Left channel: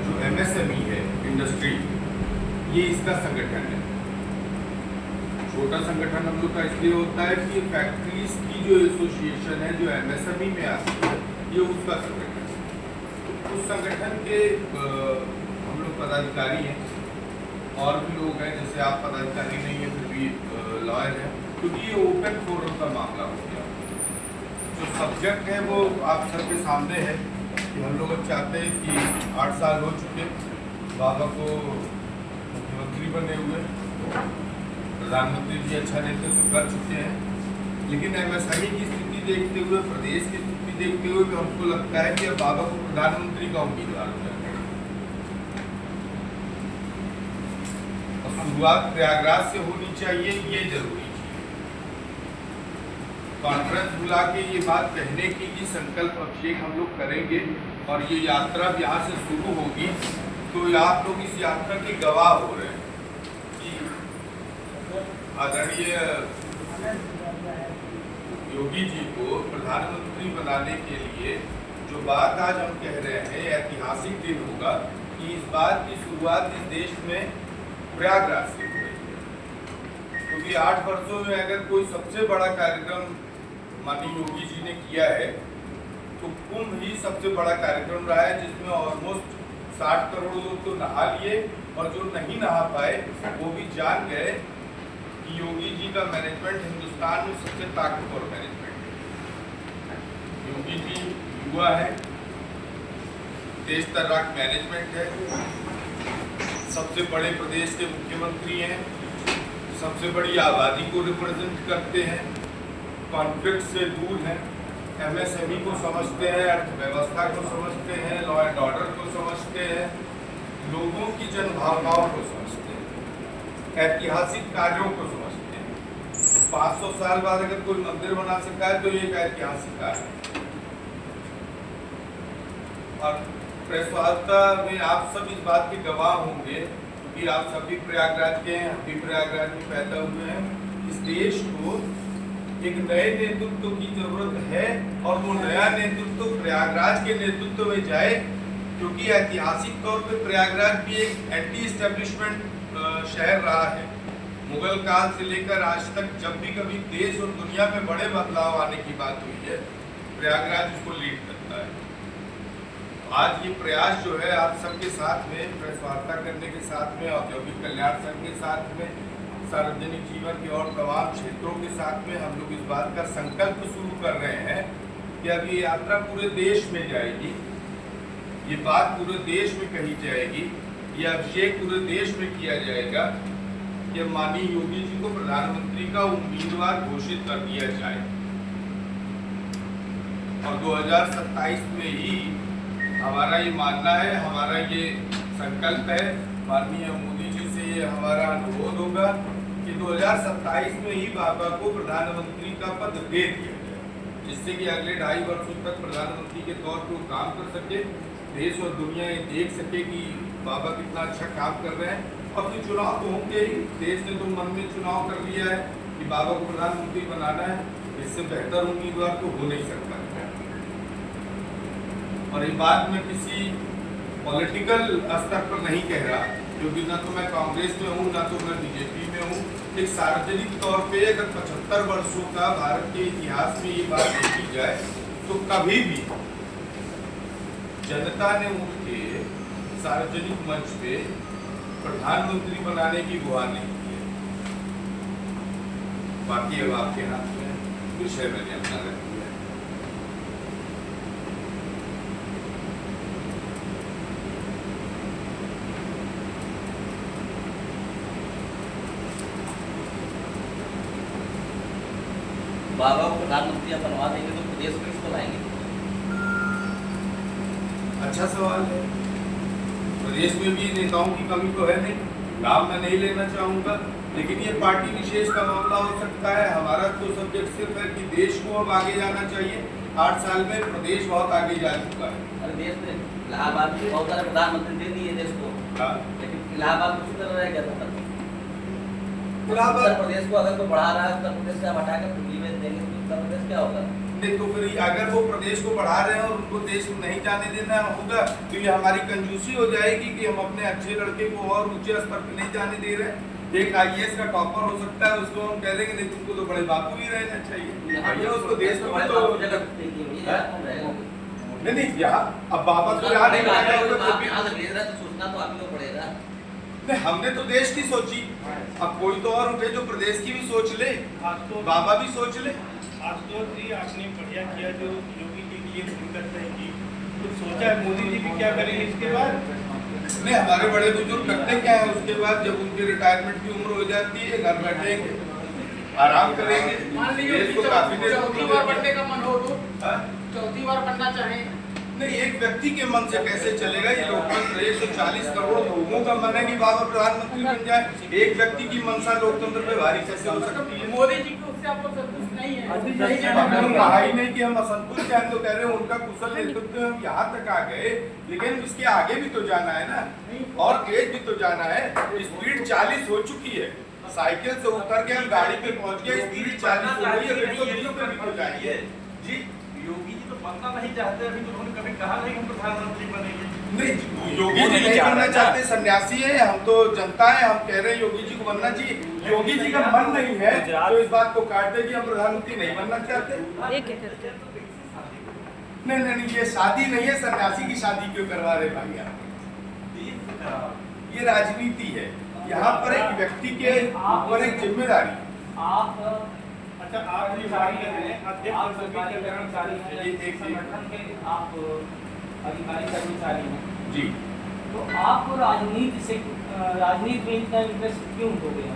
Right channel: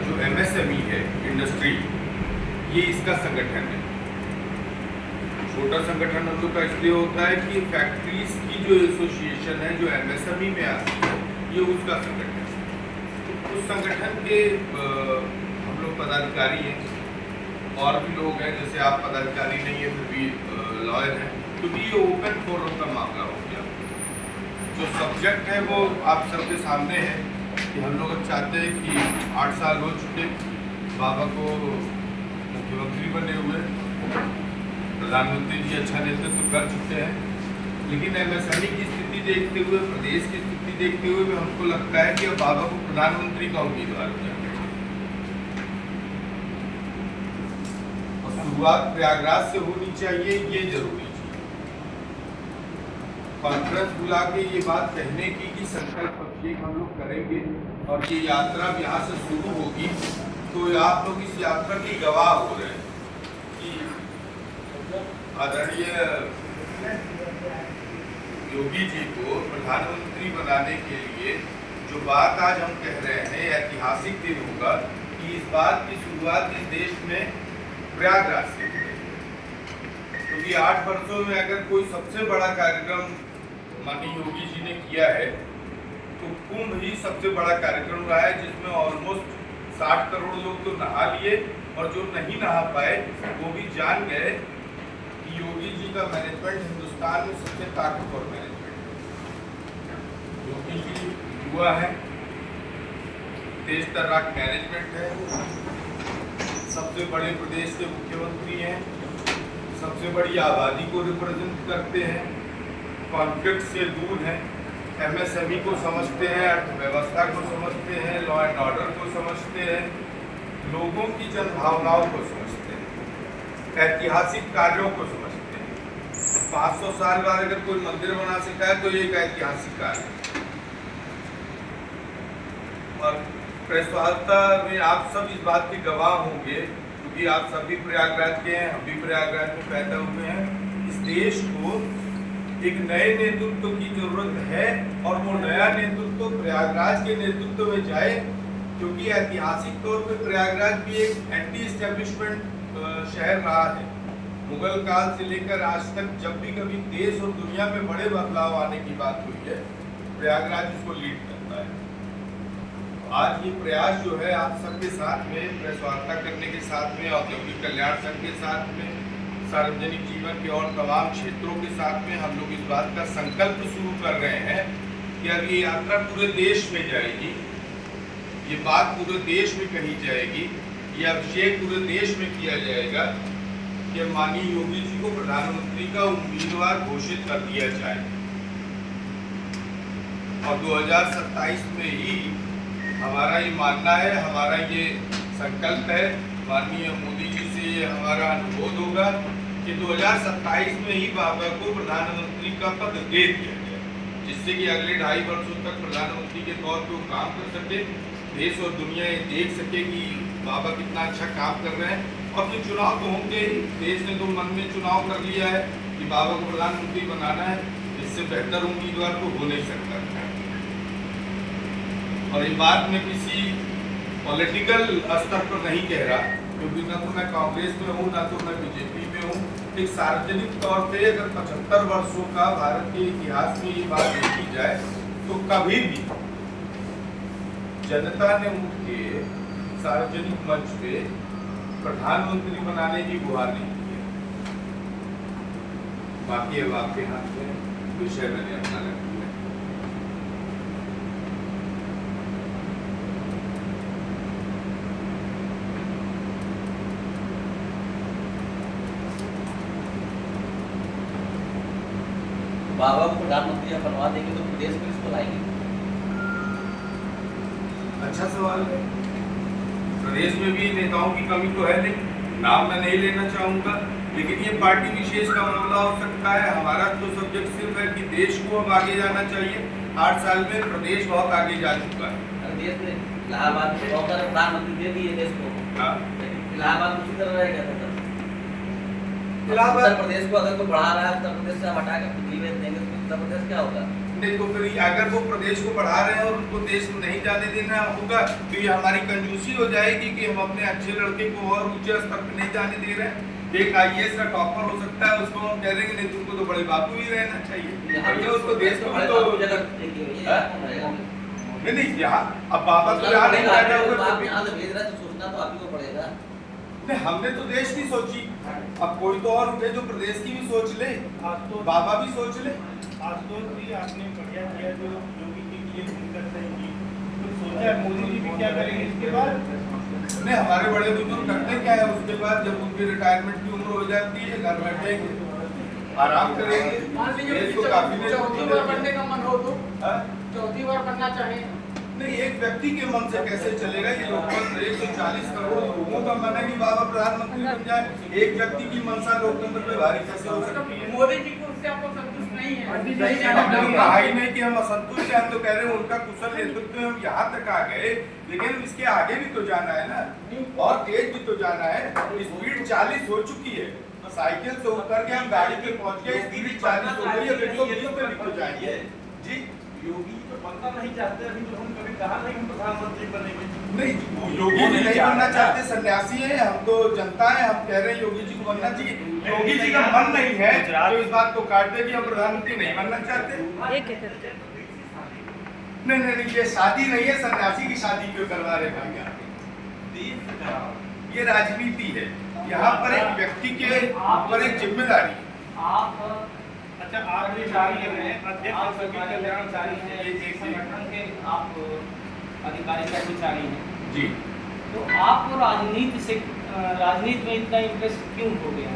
जो MSME है industry, ये इसका संगठन है। छोटा संगठन हम लोग का इसलिए होता है कि फैक्ट्रीज की जो एसोसिएशन है जो MSME में आती है, ये उसका संगठन है। तो उस संगठन के हम लोग पदाधिकारी हैं, और भी लोग हैं, जैसे आप पदाधिकारी नहीं है फिर भी लॉयर हैं, क्योंकि ये ओपन फोरम का मामला हो गया। जो सब्जेक्ट है वो आप सबके सामने है कि हम लोग चाहते हैं कि 8 साल हो चुके बाबा को मुख्यमंत्री बने हुए, प्रधानमंत्री जी अच्छा नेतृत्व कर चुके हैं, लेकिन MSME की स्थिति देखते हुए, प्रदेश की स्थिति देखते हुए, तो हमको लगता है कि अब बाबा को प्रधानमंत्री का उम्मीदवार करना है। शुरुआत प्रयागराज से होनी चाहिए, ये जरूरी चीज। कॉन्फ्रेंस बुला के ये बात कहने की कि संकल्प अभिषेक हम लोग करेंगे और ये यात्रा यहाँ से शुरू होगी, तो आप लोग इस यात्रा की गवाह हो रहे हैं कि आदरणीय योगी जी को प्रधानमंत्री बनाने के लिए जो बात आज हम कह रहे हैं, ऐतिहासिक दिन होगा कि इस बात की शुरुआत इस देश में प्रयागराज से हो रही है। क्योंकि 8 वर्षों में अगर कोई सबसे बड़ा कार्यक्रम माननीय योगी जी ने किया है, तो कुंभ ही सबसे बड़ा कार्यक्रम रहा है, जिसमें ऑलमोस्ट 60 करोड़ लोग तो नहा लिए, और जो नहीं नहा पाए वो भी जान गए कि योगी जी का मैनेजमेंट हिंदुस्तान में सबसे ताकतवर मैनेजमेंट है। योगी जी युवा है, तेज तर्राक मैनेजमेंट है, सबसे बड़े प्रदेश के मुख्यमंत्री हैं, सबसे बड़ी आबादी को रिप्रेजेंट करते हैं, कॉन्फ्लिक्ट से दूर हैं, MSME को समझते हैं, अर्थव्यवस्था को समझते हैं, लॉ एंड ऑर्डर को समझते हैं, लोगों की जनभावनाओं को समझते हैं, ऐतिहासिक कार्यों को समझते हैं। 500 साल बाद अगर कोई मंदिर बना सका है तो ये एक ऐतिहासिक कार्य है। और प्रेस वार्ता में आप सब इस बात के गवाह होंगे, क्योंकि आप सब भी प्रयागराज के हैं, हम भी प्रयागराज में पैदा हुए हैं। इस देश को एक नए नेतृत्व की जरूरत है, और वो नया नेतृत्व प्रयागराज के नेतृत्व में जाए, क्योंकि ऐतिहासिक तौर पे प्रयागराज भी एक एंटी एस्टेब्लिशमेंट शहर रहा है। मुगल काल से लेकर आज तक जब भी कभी देश और दुनिया में बड़े बदलाव आने की बात हुई है, प्रयागराज उसको लीड करता है। आज ये प्रयास जो है आप सबके साथ में, प्रेस वार्ता करने के साथ में, औद्योगिक कल्याण संघ के साथ में, सार्वजनिक जीवन के और तमाम क्षेत्रों के साथ में हम लोग इस बात का संकल्प शुरू कर रहे हैं कि अब ये यात्रा पूरे देश में जाएगी, ये बात पूरे देश में कही जाएगी, ये अभिषेक पूरे देश में किया जाएगा कि माननीय योगी जी को प्रधानमंत्री का उम्मीदवार घोषित कर दिया जाए, और 2027 में ही हमारा ये मानना है, हमारा ये संकल्प है, माननीय मोदी जी से ये हमारा अनुरोध होगा कि 2027 में ही बाबा को प्रधानमंत्री का पद दे दिया जाए, जिससे कि अगले 2.5 वर्षों तक प्रधानमंत्री के तौर पर वो काम कर सके, देश और दुनिया ये देख सके कि बाबा कितना अच्छा काम कर रहे हैं। और फिर चुनाव तो होंगे ही, देश ने तो मन में चुनाव कर लिया है कि बाबा को प्रधानमंत्री बनाना है, इससे बेहतर उम्मीदवार को हो नहीं सकता। और ये बात मैं किसी पॉलिटिकल स्तर पर नहीं कह रहा, क्योंकि ना तो मैं कांग्रेस में हूँ, ना तो मैं बीजेपी में हूँ। एक सार्वजनिक तौर पे अगर 75 वर्षों का भारत के इतिहास में ये बात देखी जाए, तो कभी भी जनता ने उठ के सार्वजनिक मंच पे प्रधानमंत्री बनाने की गुहार नहीं की है। बाकी अब आपके हाथ में विषय मैंने अपना रखा है। बाबा को प्रधानमंत्री बनवा देंगे तो प्रदेश में किसको लाएंगे? अच्छा सवाल है। प्रदेश में भी नेताओं की कमी तो है नहीं, नाम मैं नहीं लेना चाहूँगा, लेकिन ये पार्टी विशेष का मामला हो सकता है। हमारा तो सब्जेक्ट सिर्फ है कि देश को अब आगे जाना चाहिए। 8 साल में प्रदेश बहुत आगे जा चुका है। देश ने इलाहाबाद में बहुत सारे प्रधानमंत्री दे दिए देश को, लेकिन इलाहाबाद उसी तरह रह गया था। उत्तर प्रदेश को अगर कोई बढ़ा रहा है, उत्तर प्रदेश से हटा के दिल्ली में देंगे तो उत्तर प्रदेश क्या होगा? नहीं तो फिर अगर वो प्रदेश को बढ़ा रहे हैं और उनको देश में नहीं जाने देना होगा तो ये हमारी कंजूसी हो जाएगी कि हम अपने अच्छे लड़के को और ऊंचे स्तर पर नहीं जाने दे रहे हैं। एक IAS का टॉपर हो सकता है, उसको हम कह देंगे नहीं तुमको तो बड़े बापू ही रहना चाहिए, भैया उसको देश को भी तो नहीं यहाँ अब बाबा तो यहाँ नहीं पैदा हुए सोचना तो आप ही को पड़ेगा। नहीं, हमने तो देश की सोची, अब कोई तो और उठे जो प्रदेश की भी सोच ले, तो बाबा भी सोच ले। आशुतोष जी आपने बढ़िया किया जो योगी जी के लिए फोन करते हैं जी, कुछ सोचा है मोदी जी भी क्या करेंगे इसके बाद? नहीं, हमारे बड़े बुजुर्ग करते क्या है उसके बाद जब उनकी रिटायरमेंट की उम्र हो जाती है घर बैठेंगे आराम करेंगे। मान लीजिए देश को काफी देर चौथी बार बनने का मन हो तो हाँ? चौथी बार बनना चाहे नहीं, एक व्यक्ति के मन से कैसे चलेगा? ये लोकतंत्र 140 करोड़ लोगों का मन है कि बाबा प्रधानमंत्री बन जाए, एक व्यक्ति की मनसा लोकतंत्र पे भारी कैसे हो सकती है? मोदी जी को उससे आपको संतुष्ट नहीं है। हमने कहा ही नहीं कि हम असंतुष्ट हैं, हम तो कह रहे हैं उनका कुशल नेतृत्व हम यहाँ तक आ गए, लेकिन इसके आगे भी तो जाना है ना, और तेज भी तो जाना है। स्पीड 40 हो चुकी है, साइकिल से उतर के हम गाड़ी पे पहुंच गए, स्पीड 40 हो गई है, 120 पे भी तो जाइए जी। योगी जी तो बनना नहीं चाहते, अभी तो उन्होंने कभी कहा नहीं हम प्रधानमंत्री बनेंगे। नहीं, योगी जी नहीं बनना चाहते, सन्यासी है, हम तो जनता है, हम कह रहे हैं योगी जी को बनना चाहिए। योगी जी का मन नहीं है तो इस बात को काट दे कि हम प्रधानमंत्री नहीं बनना चाहते। नहीं, ये शादी नहीं है, सन्यासी की शादी क्यों करवा रहे भाई आप? ये राजनीति है, यहाँ पर एक व्यक्ति के ऊपर एक जिम्मेदारी। अच्छा, आप अधिकारी हैं, अध्यक्ष सभी कल्याणकारी हैं, एक संगठन के आप अधिकारी कर्मचारी हैं जी। तो आप राजनीति में इतना इंटरेस्ट क्यों हो गया?